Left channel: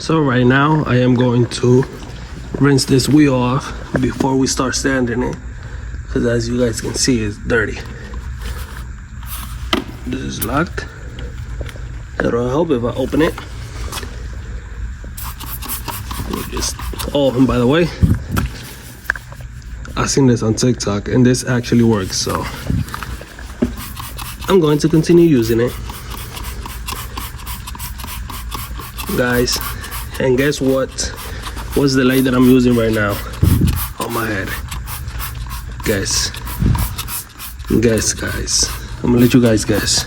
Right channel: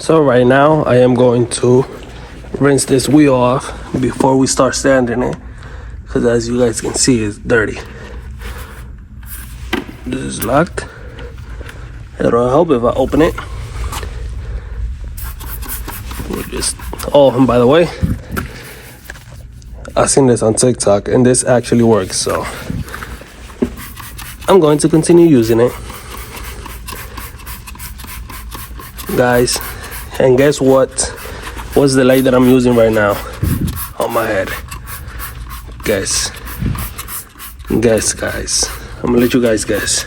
So right now I am going to rinse this wheel off before we start sanding it, because as you guys can see, it's dirty. This is locked. It'll help if I open it. We'll just, oh, and by the way, I seen this on TikTok and this actually works, so I'm going to continue using it, guys. And guess what? What's the light that I'm using right now on my head? Guess. Guys. I'm gonna let you guys guess.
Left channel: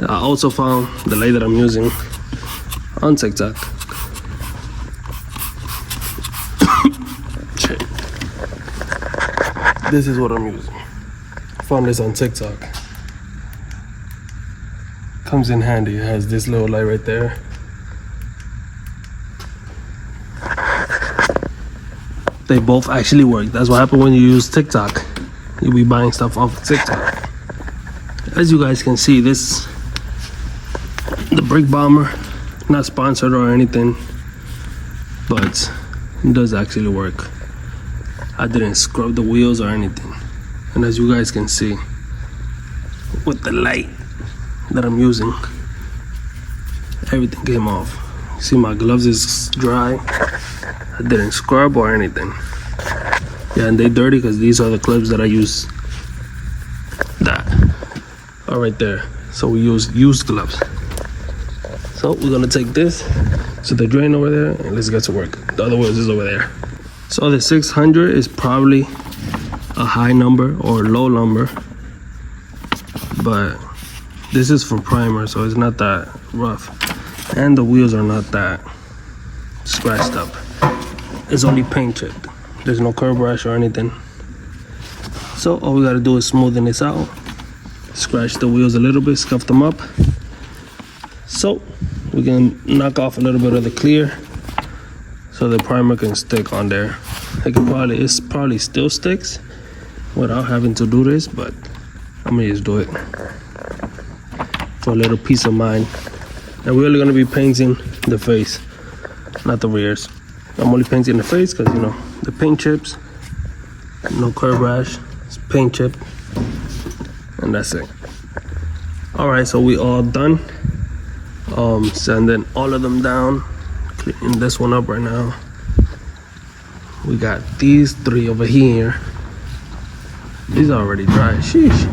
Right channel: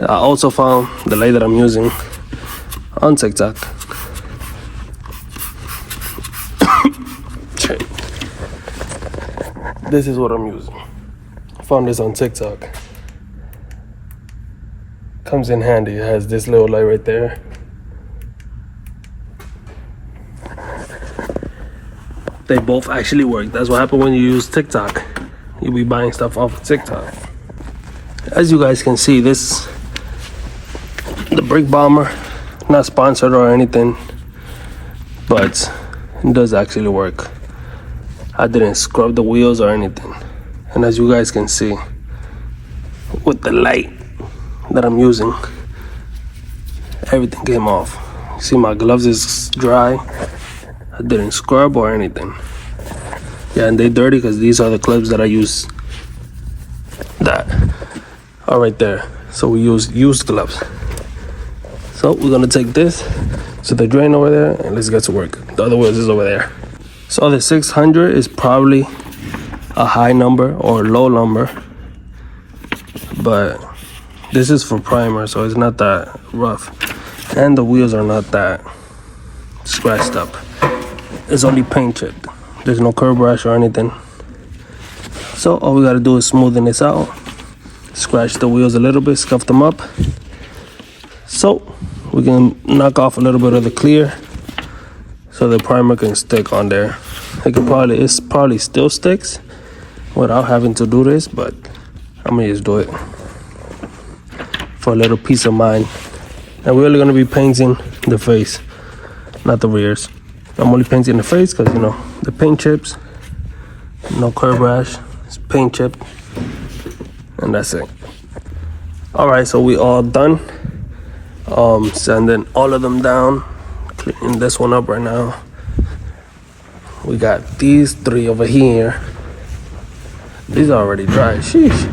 I also found the light that I'm using on TikTok. Okay. This is what I'm using. Found this on TikTok. Comes in handy. It has this little light right there. They both actually work. That's what happens when you use TikTok. You'll be buying stuff off of TikTok. As you guys can see, this, the Brick Bomber, not sponsored or anything, but it does actually work. I didn't scrub the wheels or anything. And as you guys can see, with the light that I'm using, everything came off. See, my gloves is dry. I didn't scrub or anything. Yeah, and they dirty because these are the clips that I use that are right there. So we use used gloves. So we're gonna take this to the drain over there and let's get to work. The other wheels is over there. So the 600 is probably a high number or low number, but this is for primer, so it's not that rough. And the wheels are not that scratched up. It's only paint chipped. There's no curb brush or anything. So all we gotta do is smoothen this out, scratch the wheels a little bit, scuff them up, so we can knock off a little bit of the clear so the primer can stick on there. It probably still sticks without having to do this, but I'm gonna just do it for a little peace of mind. And we're only gonna be painting the face, not the rears. I'm only painting the face because, you know, the paint chips, no curb rash, it's paint chip, and that's it. All right, so we all done. Sanding all of them down, cleaning this one up right now. We got these three over here. These are already dry, sheesh.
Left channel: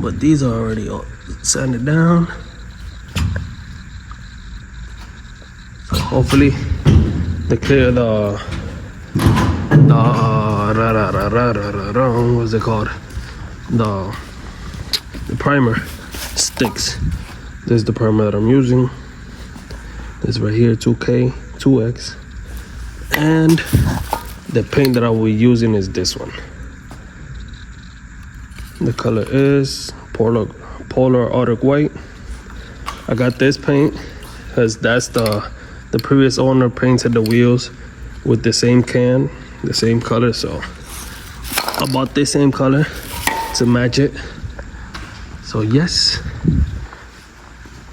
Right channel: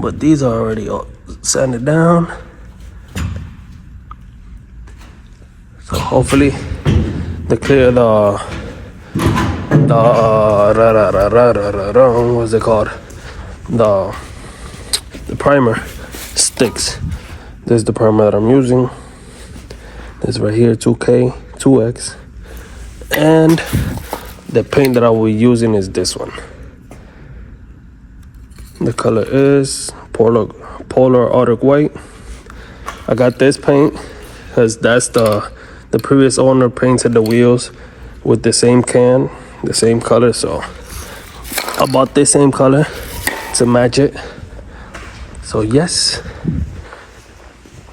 But these are already all sanded down. So hopefully they clear what's it called? The primer sticks. This is the primer that I'm using. This right here, 2K, 2X. And the paint that I will be using is this one. The color is Polar Arctic White. I got this paint because that's the previous owner painted the wheels with the same can, the same color, so I bought this same color to match it. So yes,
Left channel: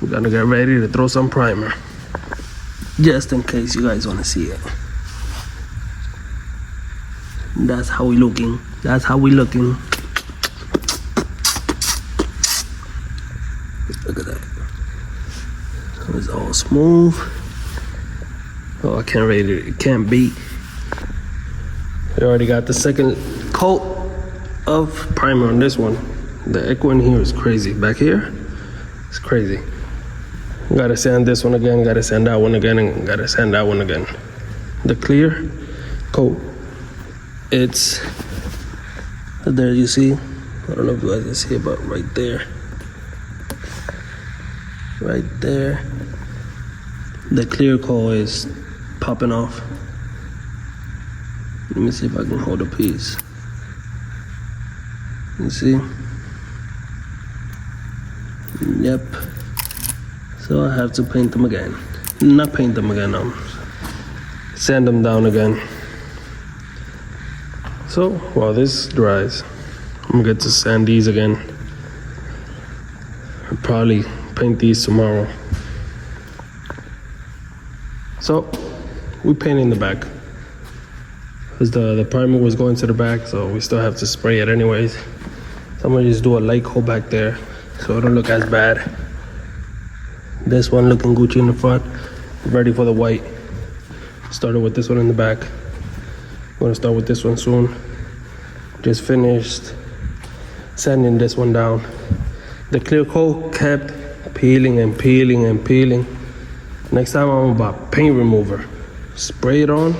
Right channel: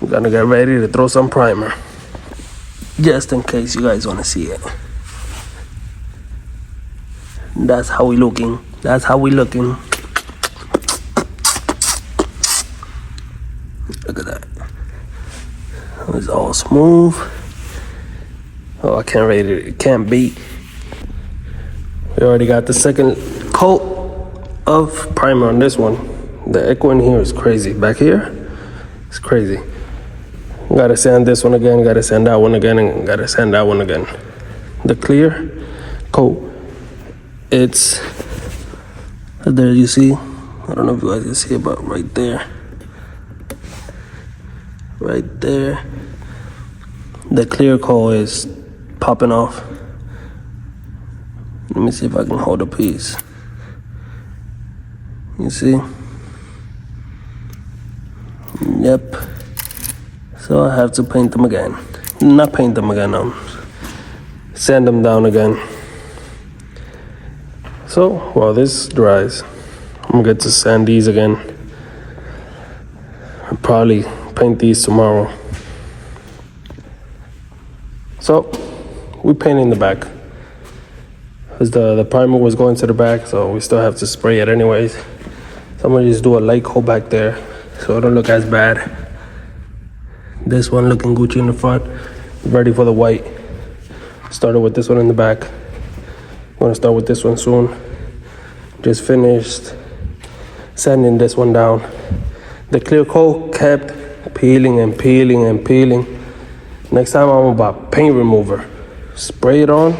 we're gonna get ready to throw some primer, just in case you guys want to see it. That's how we looking. That's how we looking. Look at that. It's all smooth. Oh, I can't rate it. It can't beat. We already got the second coat of primer on this one. The echo in here is crazy. Back here, it's crazy. Gotta sand this one again, gotta sand that one again, and gotta sand that one again. The clear coat, it's there, you see. I don't know if you guys can see it, but right there. Right there. The clear coat is popping off. Let me see if I can hold a piece. You see? Yep. So I have to paint them again. Not paint them again, sand them down again. So while this dries, I'm gonna get to sand these again. I'll probably paint these tomorrow. So we painting the back because the primer was going to the back, so we still have to spray it anyways. So I'm gonna just do a light coat back there so it don't look as bad. This one looking Gucci in the front, ready for the white. Started with this one in the back. I'm gonna start with this one soon. Just finished sanding this one down. The clear coat kept peeling and peeling and peeling. Next time I'm about paint remover. Spray it on,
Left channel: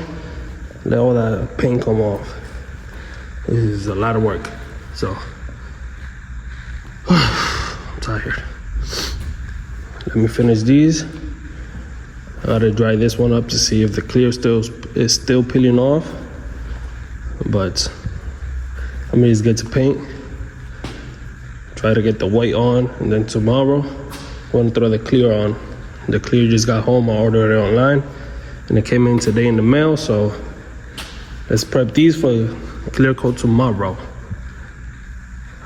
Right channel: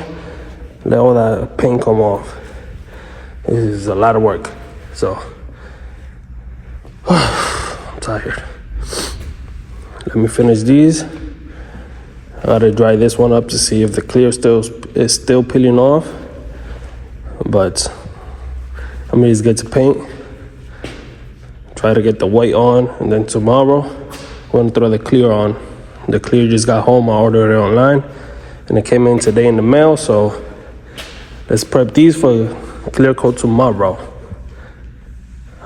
let all that paint come off. This is a lot of work, so I'm tired. Let me finish these. I gotta dry this one up to see if the clear is still peeling off. But I'm gonna just get to paint. Try to get the white on, and then tomorrow we're gonna throw the clear on. The clear just got home. I ordered it online, and it came in today in the mail. So let's prep these for clear coat tomorrow.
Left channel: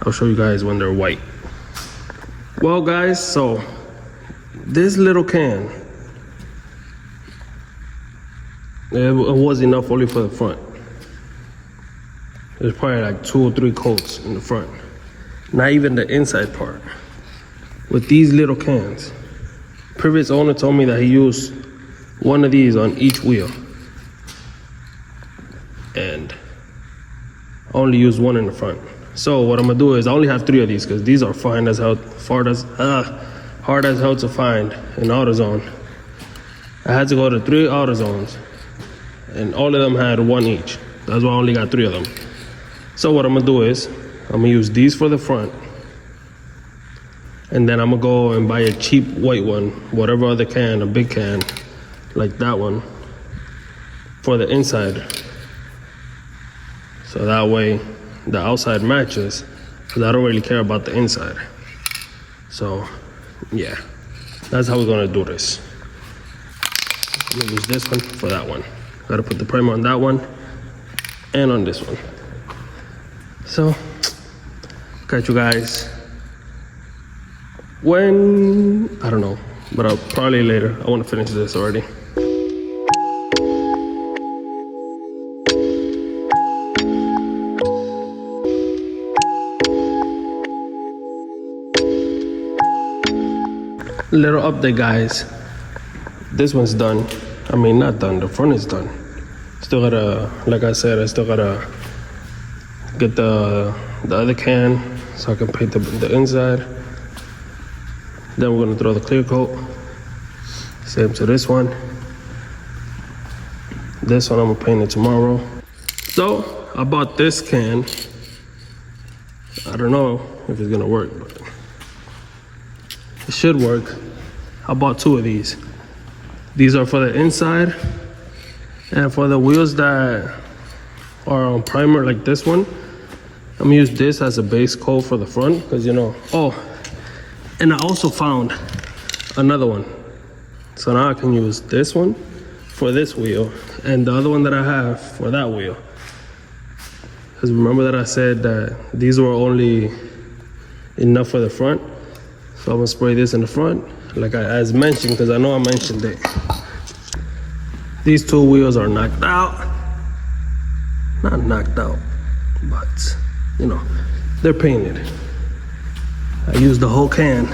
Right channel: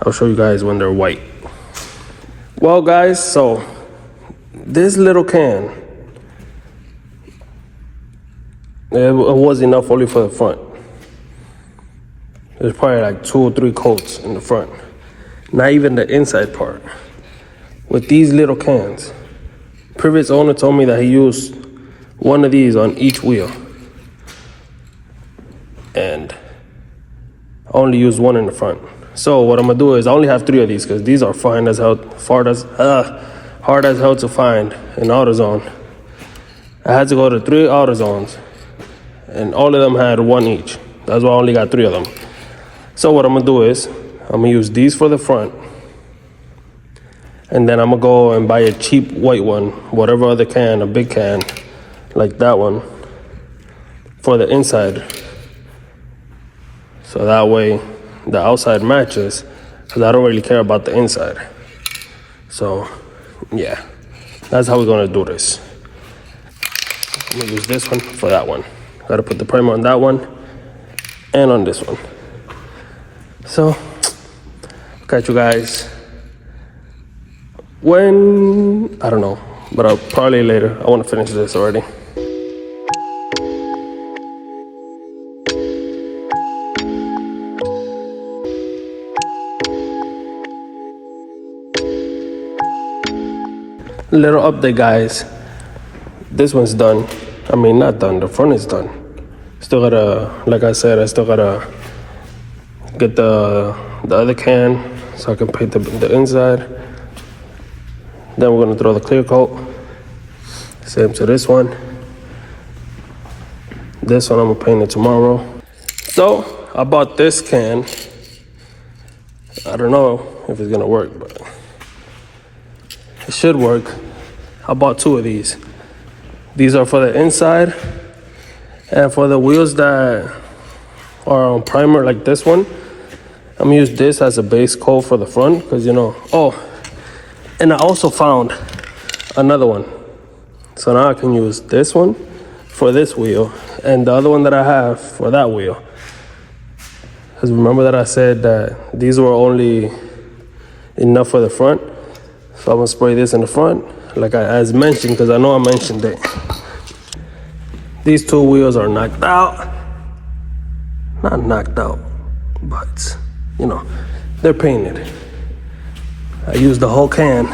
I'll show you guys when they're white. Well, guys, so this little can, it was enough only for the front. There's probably like 2 or 3 coats in the front. Not even the inside part. With these little cans, previous owner told me that he used one of these on each wheel. And I only used one in the front. So what I'm gonna do is I only have 3 of these because these are hard as hell to find in AutoZone. I had to go to 3 AutoZones, and all of them had 1 each. That's why I only got 3 of them. So what I'm gonna do is I'm gonna use these for the front, and then I'm gonna go and buy a cheap white one, whatever other can, a big can, like that one, for the inside. So that way the outside matches, because I don't really care about the inside. So yeah, that's how we're gonna do this. I'm gonna use this one for that one. Gotta put the primer on that one and on this one. So catch you guys when, I don't know, but I'll probably later. I want to finish this already. Little update, guys. This one's done. I mean, not done, the front is done. Still gotta, like I said, I still gotta get the other can so I can paint the inside. Then we're gonna throw the clear coat. Same to this one. This one I'm gonna paint it tomorrow. So I bought this can. I don't know if it's gonna work, but it should work. I bought 2 of these. These are for the inside, and for the wheels that are on primer like this one, I'm gonna use this as a base coat for the front, because you know, oh, and I also found another one. So now I can use this one for this wheel and the other one that I have for that wheel. Because remember that I said that these were only enough for the front. So I'm gonna spray this in the front, like as mentioned, because I know I mentioned it. These 2 wheels are knocked out. Not knocked out, but you know, they're painted. I used the whole can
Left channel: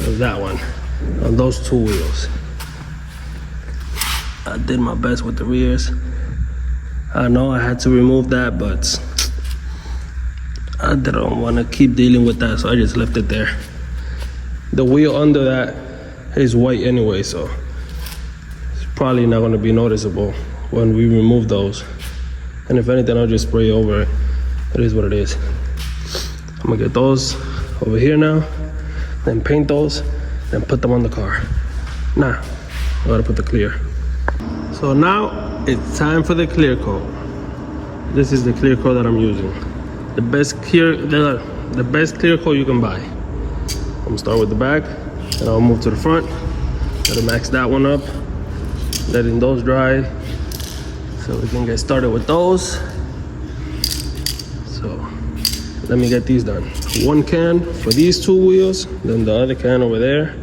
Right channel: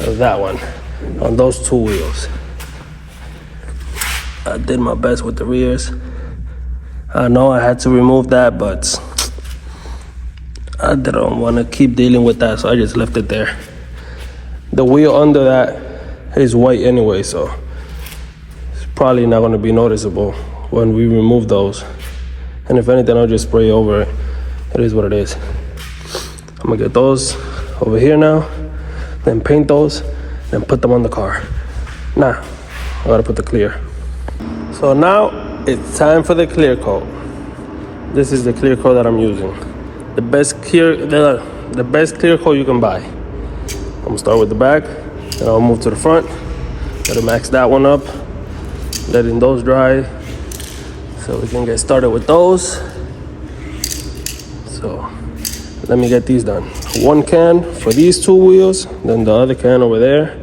of that one on those 2 wheels. I did my best with the rears. I know I had to remove that, but I didn't want to keep dealing with that, so I just left it there. The wheel under that is white anyway, so it's probably not going to be noticeable when we remove those. And if anything, I'll just spray over it. It is what it is. I'm gonna get those over here now, then paint those, then put them on the car. Now, I gotta put the clear. So now it's time for the clear coat. This is the clear coat that I'm using. The best clear coat you can buy. I'm gonna start with the back, then I'll move to the front. Gotta max that one up, letting those dry, so we can get started with those. So let me get these done. 1 can for these 2 wheels, then the other can over there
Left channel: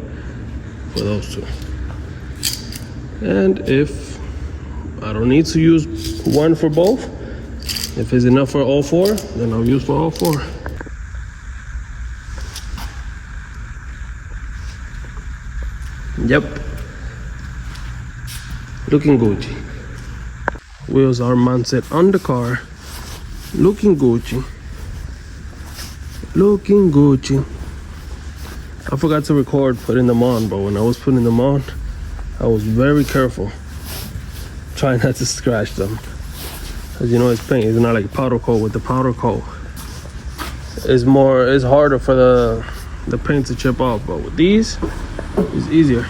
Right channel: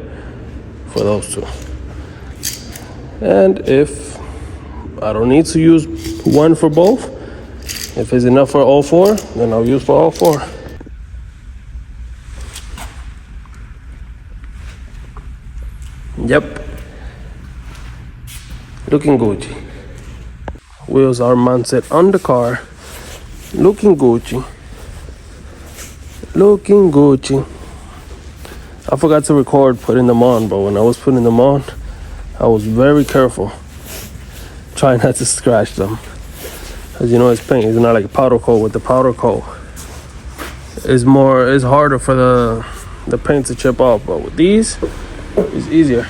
for those 2. And if I don't need to use one for both, if it's enough for all four, then I'll use for all four. Yep, looking Gucci. Wheels are mounted on the car, looking Gucci. Looking Gucci. I forgot to record putting them on, but when I was putting them on, I was very careful, trying not to scratch them. As you know, it's paint. It's not like powder coat. With the powder coat, it's harder for the paint to chip off. But with these, it's easier.